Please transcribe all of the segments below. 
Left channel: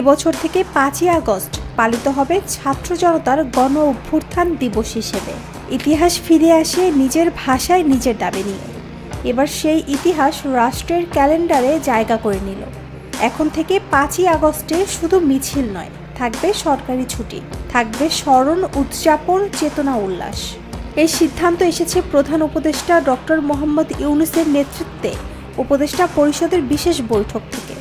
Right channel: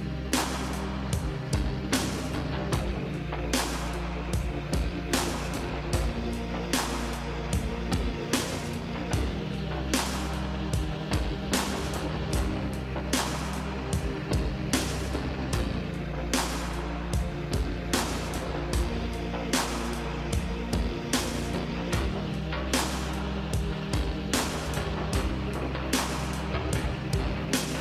এবছর থেকে 5ই আগস্ট পালিত হবে ছাত্র জনতার গণ অভ্যুত্থান দিবস হিসেবে। ইতিহাস ফিরে আসে নিজের ভাষায় নিজের দাবি নিয়ে। এবার সেই ইতিহাস রাষ্ট্রের ক্যালেন্ডারে জায়গা করে নিল। এখন থেকে 5ই আগস্টে শুধু মিছিল নয়, থাকবে সরকারি ছুটি, থাকবে স্মরণ, উদযাপন, চেতনা, উল্লাস। এই সিদ্ধান্ত এসেছে প্রধান উপদেষ্টা ডক্টর মোহাম্মদ ইউনূসের নেতৃত্বে উপদেষ্টা পরিষদের বিশেষ বৈঠক থেকে।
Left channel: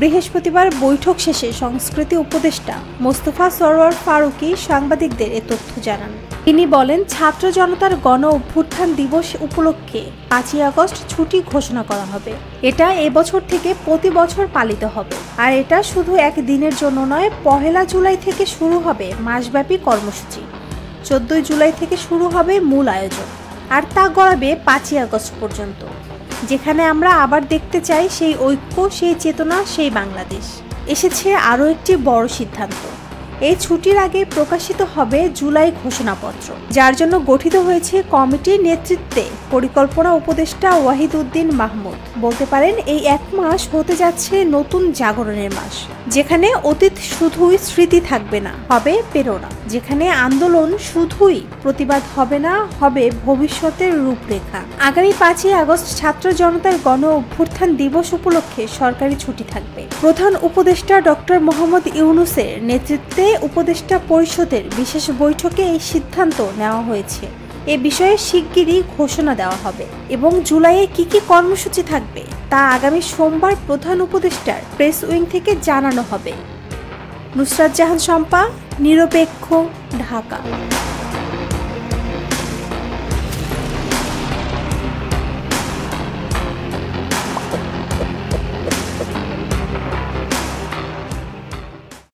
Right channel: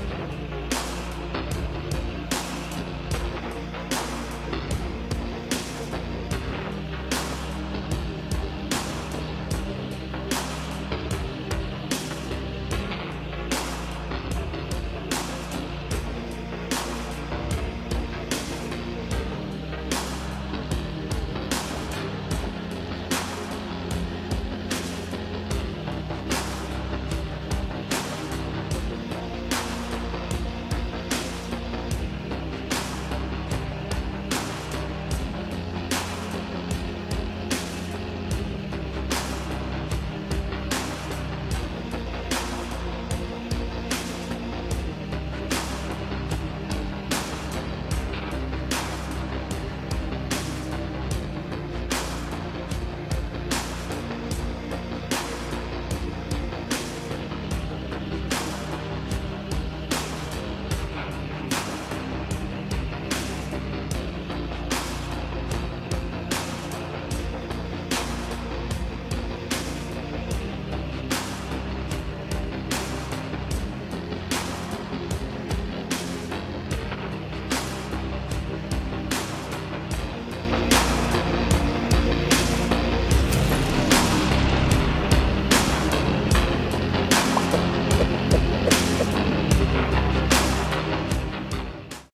বৃহস্পতিবার বৈঠক শেষে সংস্কৃতি উপদেষ্টা মোস্তফা সরোয়ার ফারুকী সাংবাদিকদের এ তথ্য জানান। তিনি বলেন, ছাত্র জনতার গণ অভ্যুত্থান দিবস উপলক্ষে 5ই আগস্ট ছুটি ঘোষণা করা হবে। এটা এবছর থেকে প্রতি বছর পালিত হবে। আর এটা শুধু এক দিনের জন্য নয়, 1 জুলাই থেকে শুরু হবে মাসব্যাপী কর্মসূচি। 14 জুলাই থেকে শুরু হবে মূল আয়োজন, আর তা গড়াবে 5ই আগস্ট পর্যন্ত, যেখানে আমরা আবার দেখতে চাই সেই ঐক্য, সেই চেতনা, সেই বাংলাদেশ। এসেছে আরও একটি বড় সিদ্ধান্ত। এই ছুটির আগে প্রকাশিত হবে জুলাই ঘোষণাপত্র, যার জন্য গঠিত হয়েছে কমিটির নেতৃত্বে পরিকল্পনা উপদেষ্টা ওয়াহিদ উদ্দিন মাহমুদ। বলতে পারেন, এই 1 মাস হতে যাচ্ছে নতুন জাগরণের মাস, যেখানে অতীত শুধুই স্মৃতি থাকবে না, হবে প্রেরণা। যেখানে আন্দোলন শুধুই প্রতিবাদ হবে না, হবে ভবিষ্যতের রূপরেখা। আগামী 5ই আগস্ট ছাত্র জনতার গণ অভ্যুত্থান দিবস উপলক্ষে সরকারি ছুটি থাকবে। প্রধান উপদেষ্টা ডক্টর মোহাম্মদ ইউনূসের নেতৃত্বে উপদেষ্টা পরিষদের বিশেষ বৈঠকে এই সিদ্ধান্ত নেওয়া হয়েছে। এ বিষয়ে শিগগিরই ঘোষণা দেওয়া হবে এবং জুলাইয়ে কি কি কর্মসূচি থাকবে তা আগামী সোমবার প্রধান উপদেষ্টার প্রেস উইং থেকে জানানো হবে। নুসরাত জাহান শম্পা, নিরপেক্ষ, ঢাকা।